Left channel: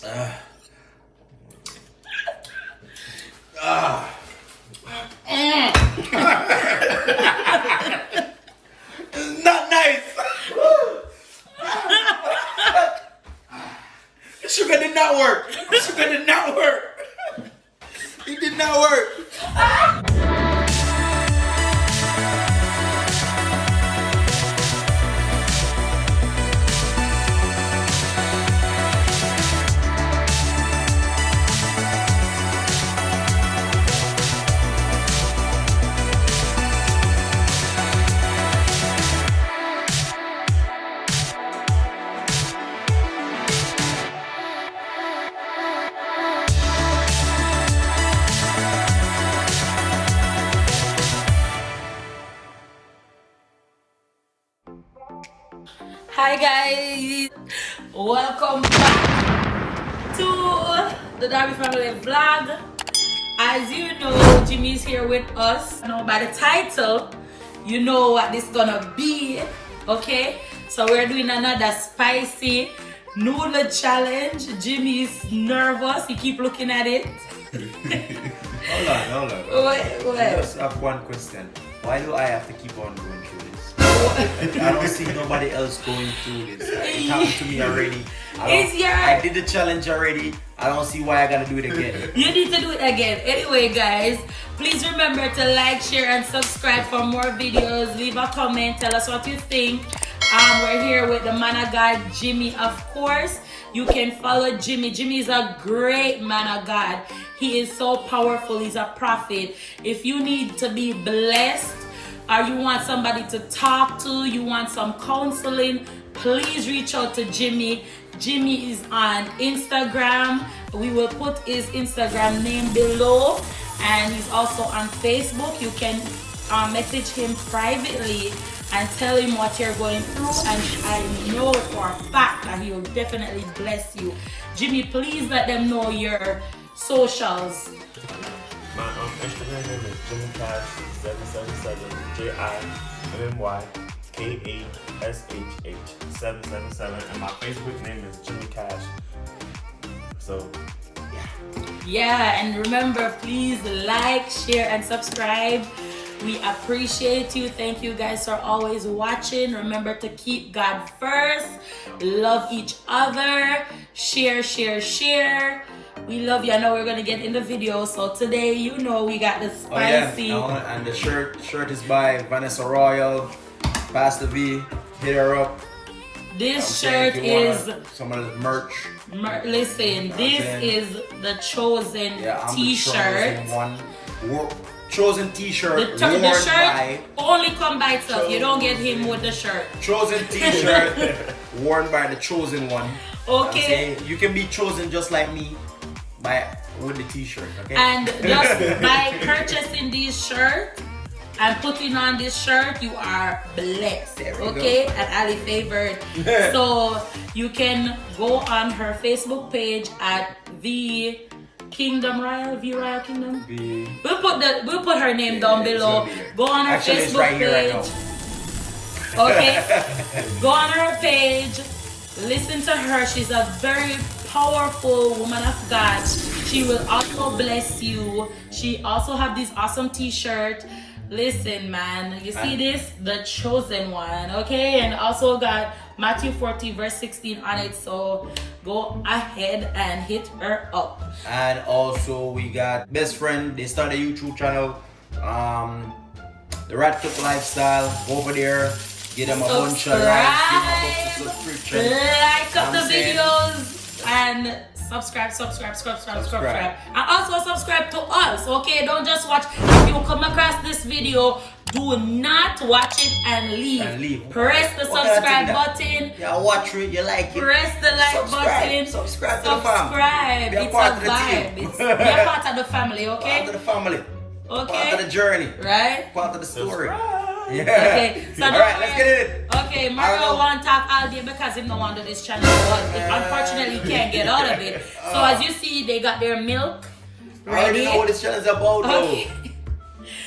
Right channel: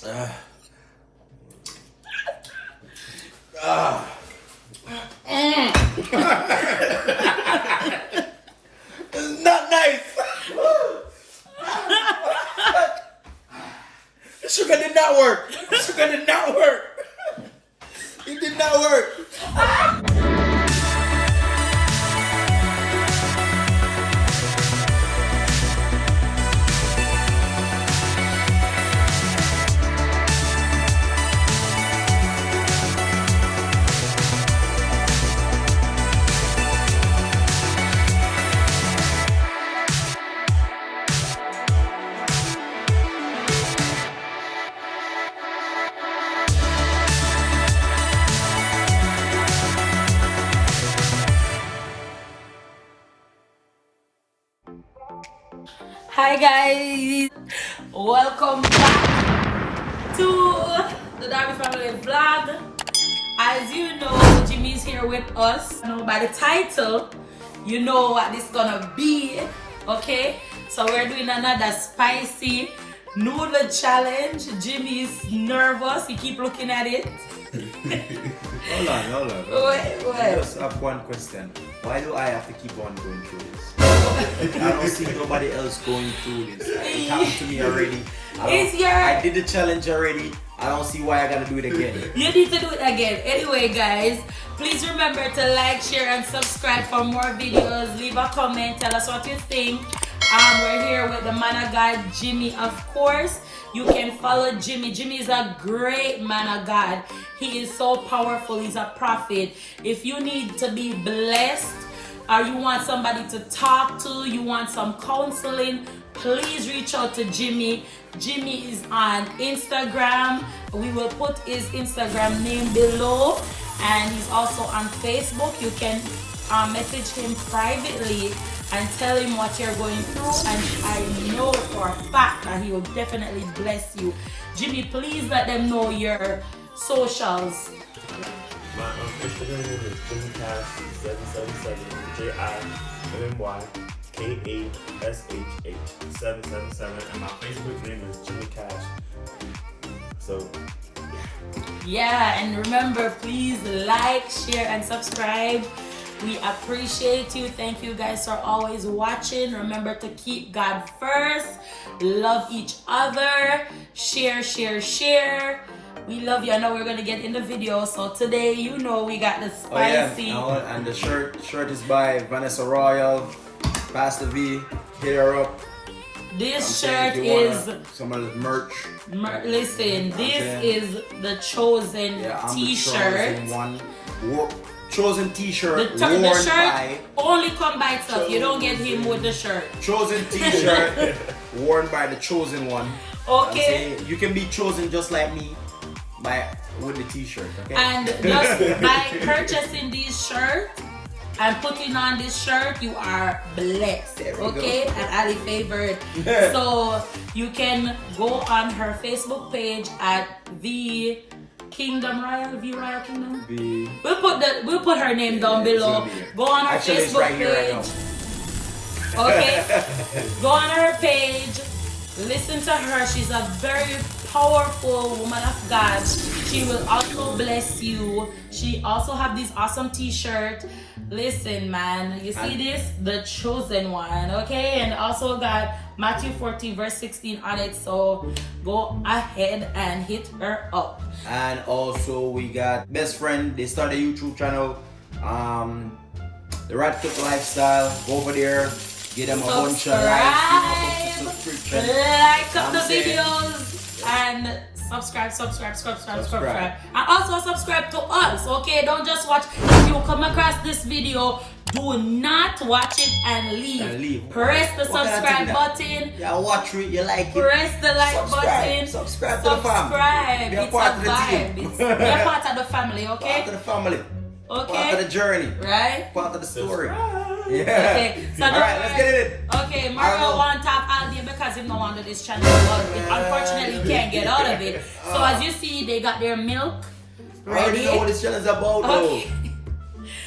It's not nice. The sugar did not work. The sugar did not work. It did not work. Hi guys, welcome to the Darby Family Vlog. As you know, Jimmy's here with us. Now by the title, you know what this is gonna be, okay? So we're doing another spicy noodle challenge. Jimmy's nervous, he keep looking at it. Hold on. Wait. I just have one question. Why do I have to keep on going through this? I don't see nobody else going through this. It happened to me already. I did the challenge already. I don't see why I gotta do it again. You need to do it again. Anyway, guys, please remember to like, share, and subscribe for more videos. Leave a comment. Tell us what you think. We're here with the man of God, Jimmy, of course. You can follow Jimmy. Jimmy is a great man of God. He is so powerful. He's a prophet. If you need to be blessed, or you want somebody to talk to, you want some counseling, please reach out to Jimmy. Jimmy is on Instagram. We will put his Instagram name below, and he's also on Facebook. You can message him privately and tell him what you're going through, and I know for a fact that he will definitely bless you. Jimmy, please let them know your socials. My Instagram name is Jimmy Cash 777 JIMMYKASH8 and my Facebook name is Jimmy Cash. So yeah, and remember, please like, share, and subscribe. We appreciate you. Thank you guys for always watching. Remember to keep God first. Love each other. Share. We love you. I know we're gonna get in the video. So today, you know, we got the spicy. Oh yeah, and the shirt is by Vanessa Royal. Pastor V, hit her up. This shirt is some of the merch. Listen, this is the chosen T-shirt. The chosen one. Chosen T-shirt worn the shirt by only come by itself. You don't get him with the shirt. Chosen T-shirt worn by the chosen one. Okay. You can be chosen just like me with the T-shirt. Okay. And just by purchasing these shirts and putting on this shirt, you are blessed. Okay, and highly favored. So you can go on her Facebook page at the Kingdom Royal, Royal Kingdom. We'll put her name down below. Go on her Facebook it's right page. Here right now. Okay. Go on her page. Listen to her. She's a very powerful woman of God. She will also bless you. She also have this awesome T-shirt. Listen, man, you see this? The chosen one, okay? And also got Matthew 14 verse 16 on it. So go ahead and hit her up. And also we got best friend. They started a YouTube channel. The Rat Cook Lifestyle. Go over there. Give them a bunch of likes. Give them a bunch of subscription. Like up the videos and subscribe. And also subscribe to us, okay? Don't just watch. If you come across this video, do not watch it and leave. Press the subscribe button. Yeah, watch it, you like it. Press the like button. Subscribe to the family. Be a part of the team. Be a part of the family, okay? Part of the family. Okay. Part of the journey. Right? Part of the story. Yeah. Okay. So alright, let's get it. Okay, Mario want to talk all day because he no under this channel, but unfortunately he can't get out of it. So as you see, they got their milk. I already know what this channel is about though.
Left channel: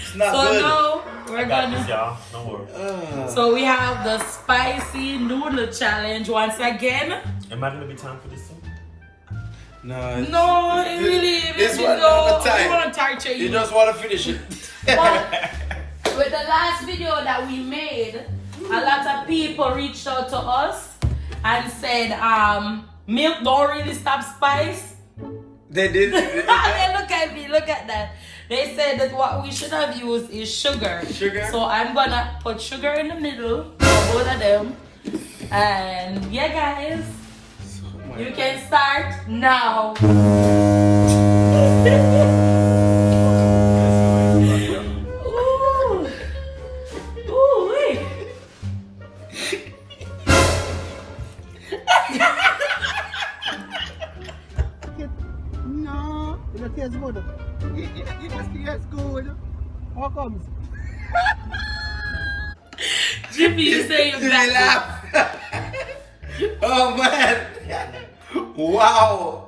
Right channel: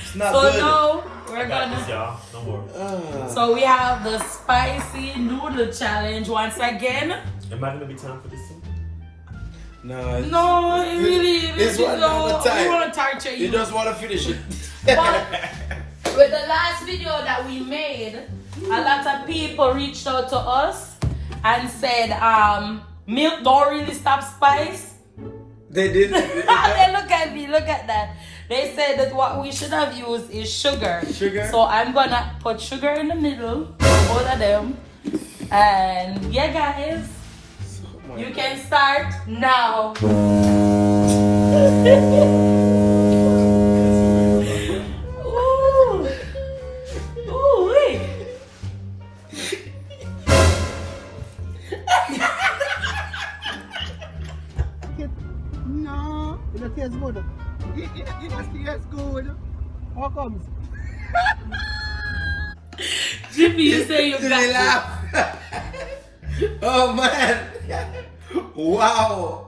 It's not good. So now we're gonna. y'all. Don't worry. So we have the spicy noodle challenge once again. Am I gonna be time for this thing? No. No, it really. This one not the time. We want to torture you. You just want to finish it. With the last video that we made, a lot of people reached out to us and said, milk don't really stop spice. They did. Look at me, look at that. They said that what we should have used is sugar. Sugar? So I'm gonna put sugar in the middle for both of them. And yeah, guys, you can start now. No, it tastes good. It tastes good. How comes? Jimmy, you say you're Jimmy laugh. Oh man. Wow.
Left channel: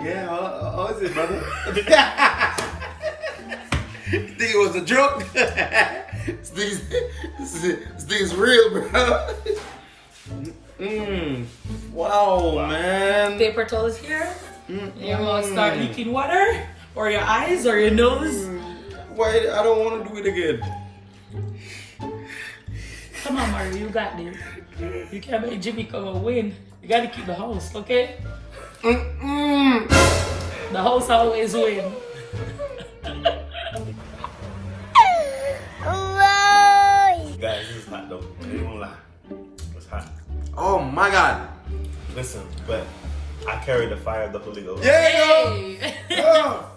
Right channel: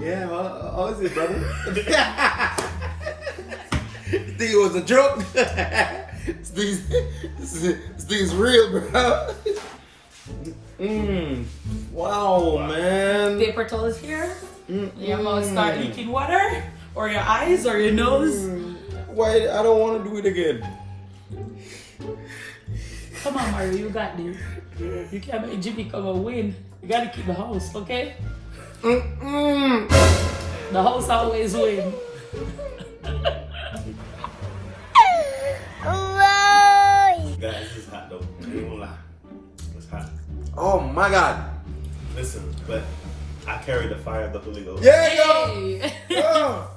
Yeah, how is it, brother? You think it was a joke? This thing is real, bro. Wow, man. Paper towels here. Your mouth start leaking water, or your eyes, or your nose. Why? I don't want to do it again. Come on, Mario, you got this. You can't make Jimmy come and win. You gotta keep the house, okay? The house always win. Guys, this is hot though. You won't lie. It's hot. Oh my God. Listen, but I carry the fire of the Holy Ghost. Yeah, Hey. yo.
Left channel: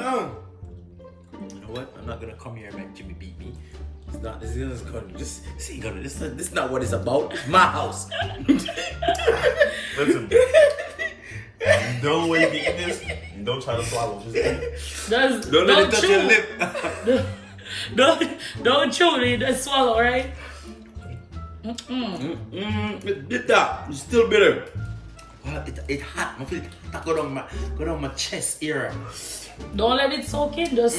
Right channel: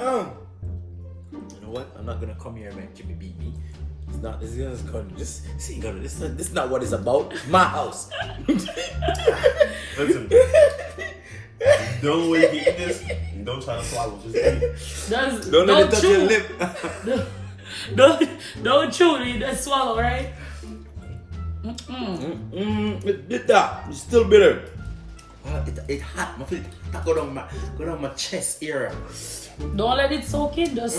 You know what? I'm not gonna come here and make Jimmy beat me. It's not. This is gonna. This is not what it's about. It's my house. Listen, the only way you can eat this, don't try to swallow. Just eat it. Don't let it touch your lip. Don't chew it, just swallow, right? It's bitter. It's still bitter. It's hot. My feet go down my chest area. Don't let it soak in. Just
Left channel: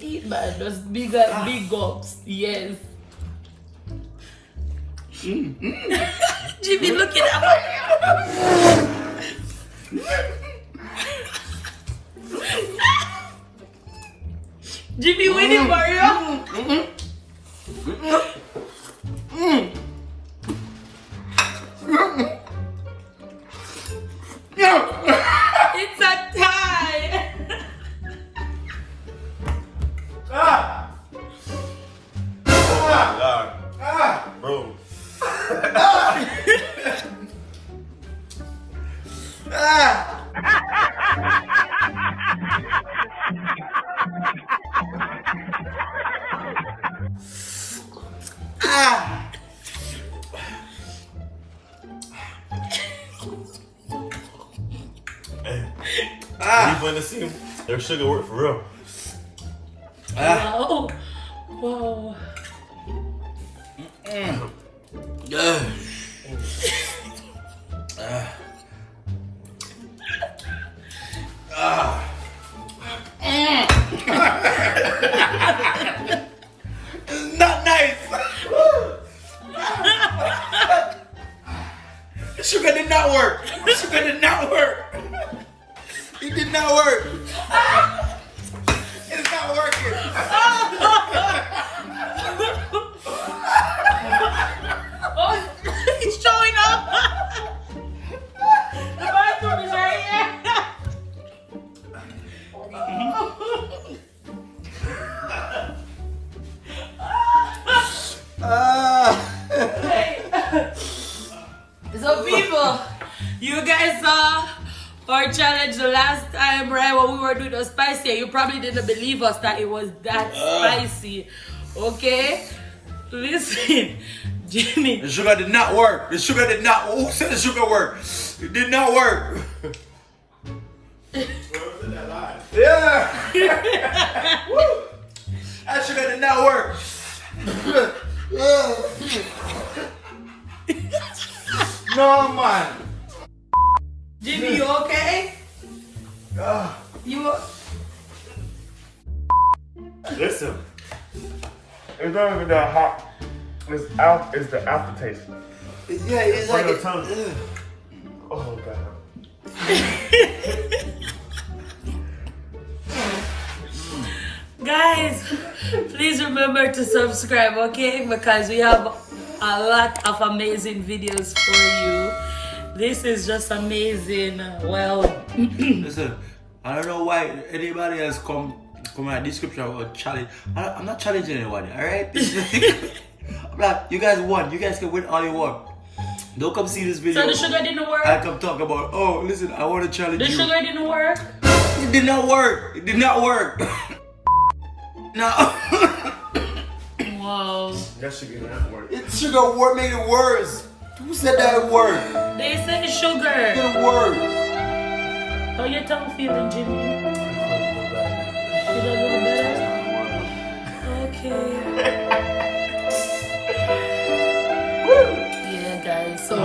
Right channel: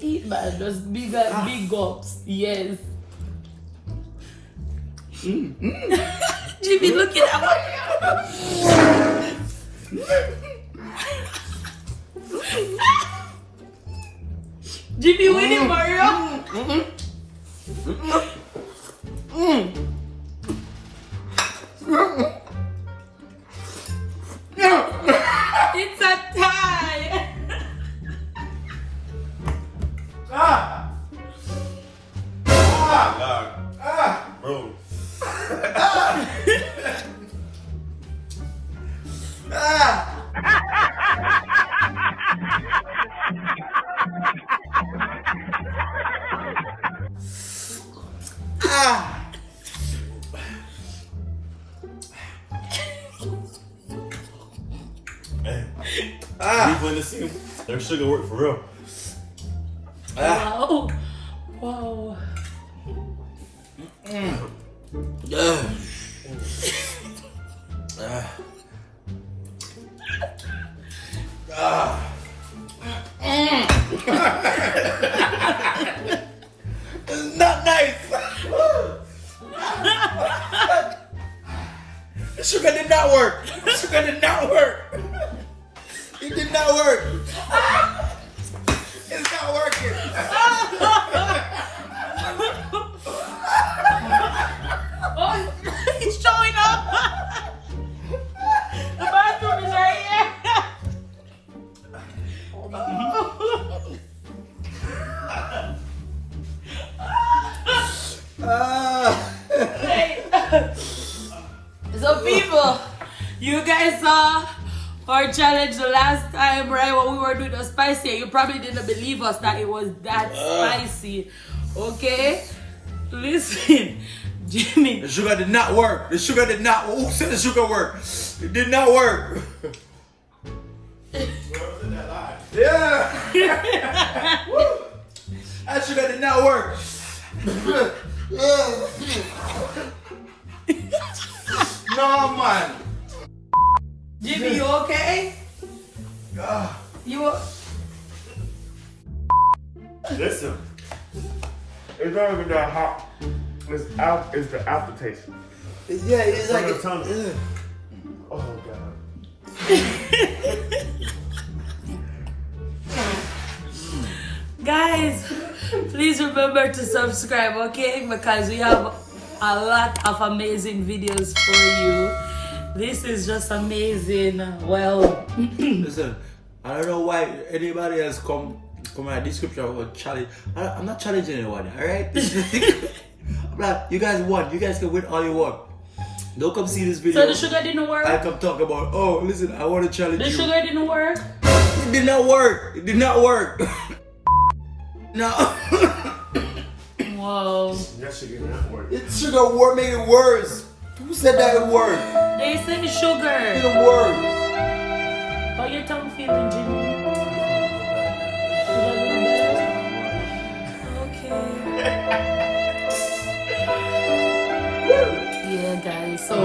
eat, man. Just big gulps. Yes. Jimmy, look at that. Jimmy, winning, Mario. It's a tie. Oh my God. Bro. You want to see their sugar work for real. Wow. Whoa. It's not nice. The sugar did not work. The sugar did not work. It did not work. It's not working. Oh, it's showing up. The bathroom is right here. Hey. So people, you guys saw our challenge the last time, right? When we were doing the spicy, you probably didn't believe us that it was that spicy. Okay? Listen, Jimmy. The sugar did not work. The sugar did not. Who said the sugar worked? It did not work. Yeah. Woo. That sugar did not work. No man. Jimmy, you okay? You. Listen, it's not even that hot. It's the aftertaste. Yeah, it's like Oh God. Guys, please remember to subscribe, okay? Because we have a lot of amazing videos for you. This is just amazing. Well, listen, I don't know why anybody else come in my description or challenge. I'm not challenging anyone, alright? I'm like, you guys won. You guys can win all you want. Don't come see this video. so the sugar didn't work? I come talk about, oh, listen, I want to challenge The you. sugar didn't work? It did not work. It did not work. No. Whoa. That shit did not work. It sugar work, make it worse. Who said that it worked? They said sugar. It didn't work. How your tongue feeling, Jimmy? Feel a little better? Okay. Yeah, guys. So,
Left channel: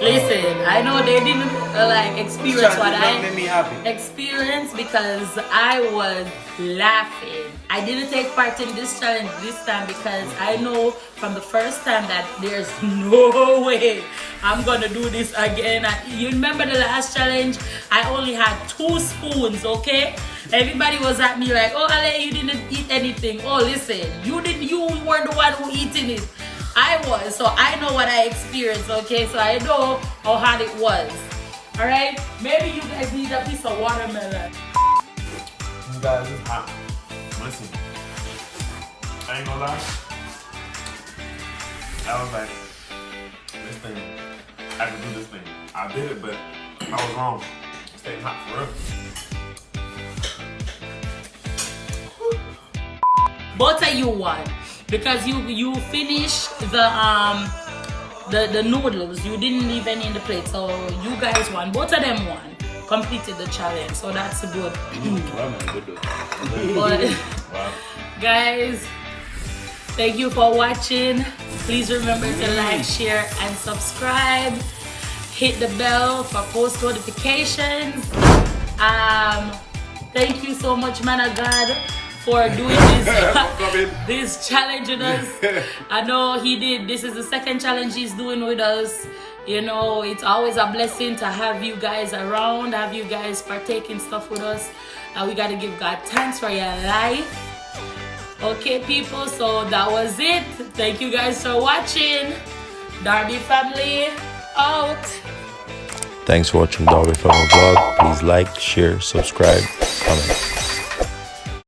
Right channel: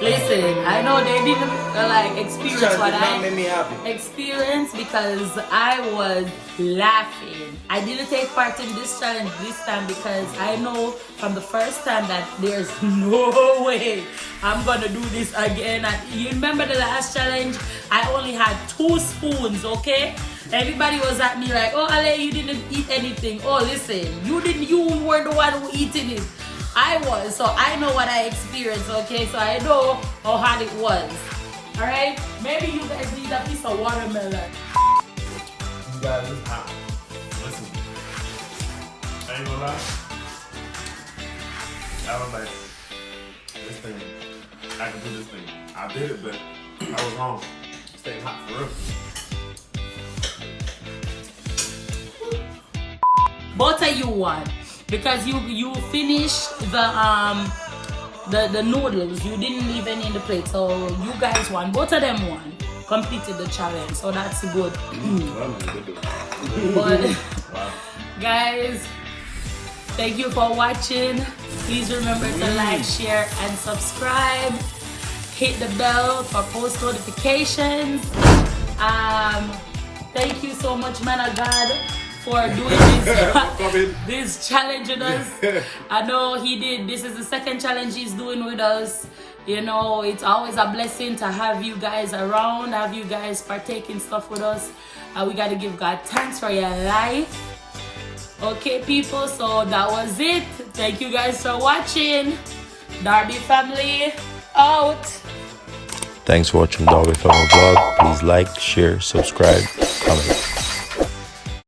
listen, I know they didn't like experience what I made me happy. experienced because I was laughing. I didn't take part in this challenge this time because I know from the first time that there's no way I'm gonna do this again. You remember the last challenge? I only had 2 spoons, okay? Everybody was at me like, oh Ale, you didn't eat anything. Oh listen, you weren't the one who eating it. I was, so I know what I experienced, okay? So I know how hard it was. Alright? Maybe you guys need a piece of watermelon. You guys, it's hot. Listen, I ain't gonna lie. I was like, this thing, I can do this thing. I did it, but I was wrong. This thing hot for real. Both of you won because you finished the noodles. You didn't leave any in the plate, so you guys won. Both of them won. Completed the challenge, so that's good. Wow, man, good. But Wow. guys, thank you for watching. Please remember to like, share, and subscribe. Hit the bell for post notifications. Thank you so much, man of God, for doing this challenge with us. I know he did. This is the second challenge he's doing with us. You know, it's always a blessing to have you guys around, have you guys partake in stuff with us. We got to give God thanks for your life. Okay, people, so that was it. Thank you guys for watching. Darby family, out. Thanks for watching Darby Family Vlog. Please like, share, subscribe, comment.